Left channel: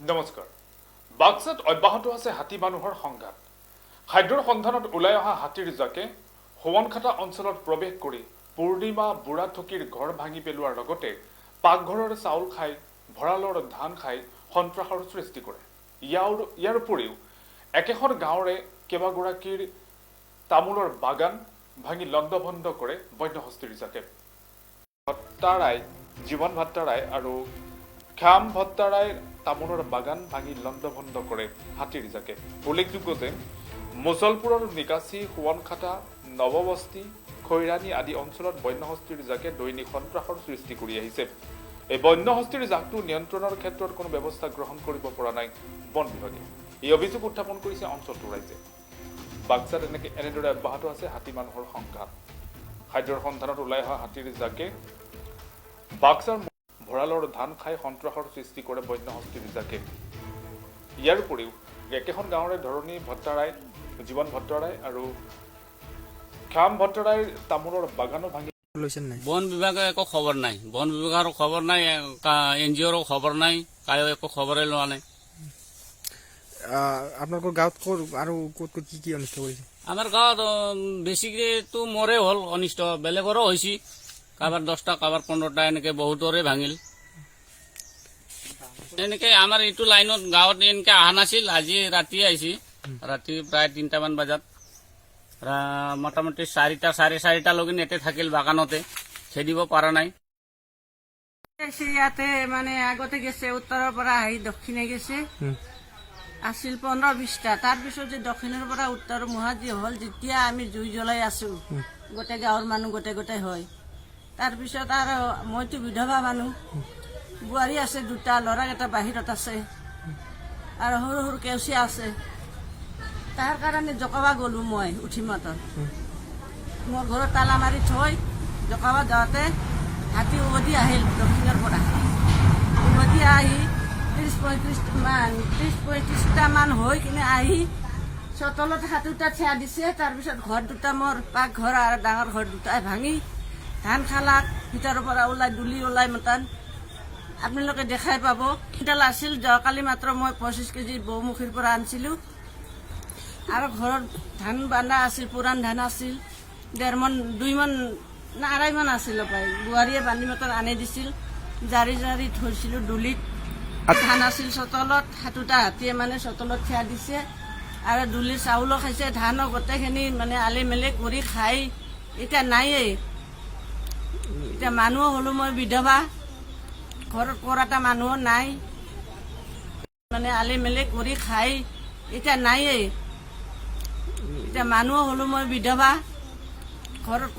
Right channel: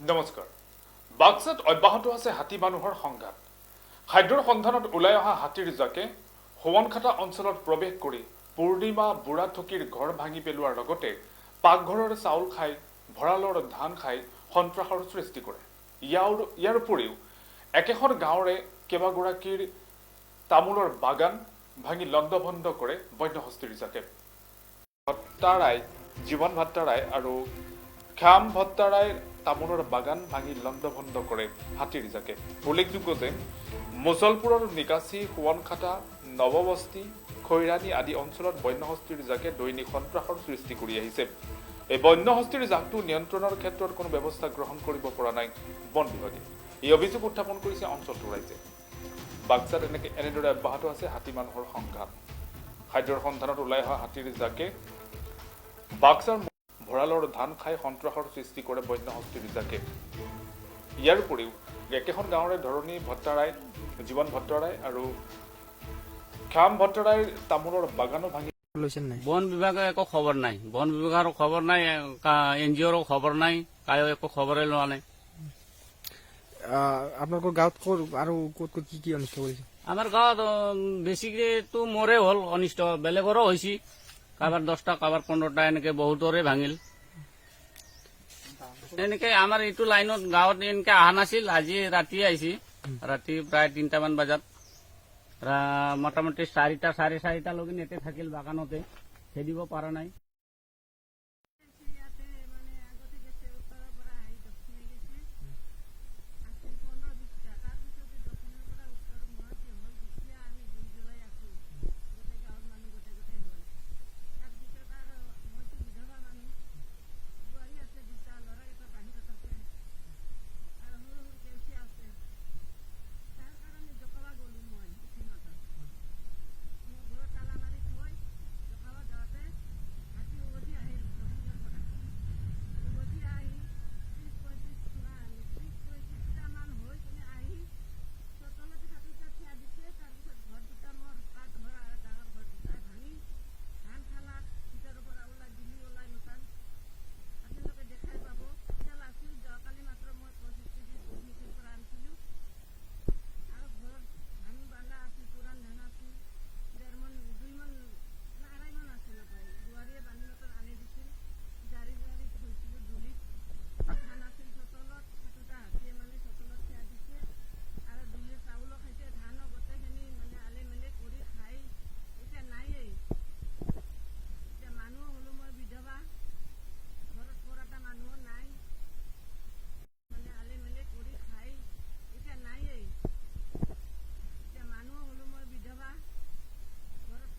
নমস্কাৰ। বাক্সাত অব্যাহত আছে হাতী মানুহৰ সংঘাত। খাদ্যৰ সন্ধানত ওলাই অহা হাতীৰ জাকে হোৱনখাটা অঞ্চলত প্ৰৱেশ কৰি পূৰ্ণিমা বুঢ়াথকীৰ ঘৰ ভাঙি পেলোৱাৰ লগতে পাকঘৰৰ চাউল খাই ভঁৰালৰ ধান খাই সন্ত্ৰাসৰ সৃষ্টি কৰে। ইয়াৰ উপৰিও একেখন গাঁৱৰে কেইবাগৰাকীৰ তামোলৰ বাগান ভাঙি লণ্ডভণ্ড কৰে বন্যহস্তীৰ জাকে। জীৱন ভট্টাৰাই আৰু খ্যাম ভট্টাৰাই তামোলৰ বাগান ভাঙি লণ্ডভণ্ড কৰে হাতীৰ জাকে। উল্লেখযোগ্য যে মুছলপুৰৰ নিকাচি সোৱনখাটা নৱবস্তি খৈৰাণী আদি অঞ্চলত বন্যহস্তীৰ জাকে দৈনিক সন্ত্ৰাসৰ সৃষ্টি কৰি আহিছে। এই বন্যহস্তীৰ জাকটো নিয়ন্ত্ৰণৰ ক্ষেত্ৰত কোনো ব্যৱস্থা গ্ৰহণ কৰিব পৰা নাই বন বিভাগে। এই অভিযোগ উত্থাপন কৰিছে অঞ্চলটোৰ ৰাইজে। বাক্সাত এনেদৰে অব্যাহত আছে হাতী মানুহৰ সংঘাত। খাদ্যৰ সন্ধানত ওলাই অহা হাতীৰ জাকে বাক্সাৰ ভঁৰালৰ ধান খাই সন্ত্ৰাসৰ সৃষ্টি কৰে বন্যহস্তীৰ জাকে। ইয়াৰ উপৰিও একেখন গাঁৱৰে ধৰণী ভট্টাৰাই, জীৱন ভট্টাৰাই আৰু খ্যাম ভট্টাৰাইৰ তামোলৰ বাগানো ভাঙি বন বিভাগে একো খবৰ নাই, বন বিভাগৰ খবৰ নাই, NGOৰ খবৰ নাই, কায়ো একো খবৰে লোৱা নাই। আপোনালোকৰ গাঁৱত আৰু ক'ত কি অনিষ্ট কৰিছে? আমাৰ গাঁৱত বেছিকেতো মোৰে হ'ল অনিষ্ট, বেলেগৰো হৈছে, কাৰোবাৰ 10টা কাৰোবাৰ 15টা এনেকে বহুতৰে ভাঙিল। এনেকে আমাৰ এইটো লাইনত গাঁৱত এনেকে অহা নাছিল, আজি ৰাতি আহিছে, ৰাতি প্ৰায় 3টামান বজাত মোটামুটি 4টা 4:30টা লগিন ইয়াতে থাকিল বাগানতে, খেদিব পৰা নাই। ইয়াতে মানে আগতে গেছে উত্তৰৰ পৰা আহি দক্ষিণে গেছে, আছিল 15-20টা। তাৰপিছত যে দক্ষিণৰ পৰা উত্তৰ মুহাজি হ'ল, যেতিয়া আমি জুই জ্বলাই আছো গোটেই গাঁৱৰ মানুহ গোটেই হয়। তাৰপিছত আৰু মইতো বিধৱা মানুহ, বোৱাৰী আছে 2টা, ল'ৰাকেইটা বাহিৰত আছে আৰু সৰু সৰু কেউচীয়া আছে। তাৰ কাৰণে জকাবা গ'লো মই উঠি মাতৰ, মোৰ ঘৰত তালা মাৰি থৈ জকাবা যাওঁতে হাতী উভতি আহিল দক্ষিণৰ পৰা। উভতি আহি 30-35টা মান হৈ কিনে আহি চোতালত হাতোটা থিয়া দিছে। তাৰপিছত ঘৰ 2টা, মোৰ পাকঘৰ আৰু ডাঙৰ ঘৰ 2টাই ভাঙি ধান খালাক, ভিতৰৰ পৰা ওলাই দুলি ওলাই মতান আপোনালোকে দেখাই পাব। কিডাল আছিল যোৱাকালি মাত্ৰ মই 25 কেজি বৌমুখীৰ পৰা আনিছিলোঁ। আৰু ঘৰত ধান বান্ধা আছিল, পুৰাণ ধান আছিল, 1.5 মন 2 মন না 2.5 মন আছিল পাই। বোৱাৰীয়ে বান্ধি মতন আনি দিছিল, জাৰি জাৰি থৈছিলোঁ দুলিত। ধান আছিল চোতালত, হাতোটা হাতীয়ে মানে চোতালত থিয়া দিছে আৰু দুলিৰ চাউলো খাইছে, ধানো গোটেইখিনি মানে আলি মেলি কৰি খাই এতিয়া নায়েই। এতিয়া মানুহ হ'লো মই বিধৱা, ঘৰত কৰাটা মানুহো নাই, মানে আলি মেলি কৰি খাই এতিয়া নায়েই। এতিয়া মানুহ হ'লো মই বিধৱা, ঘৰত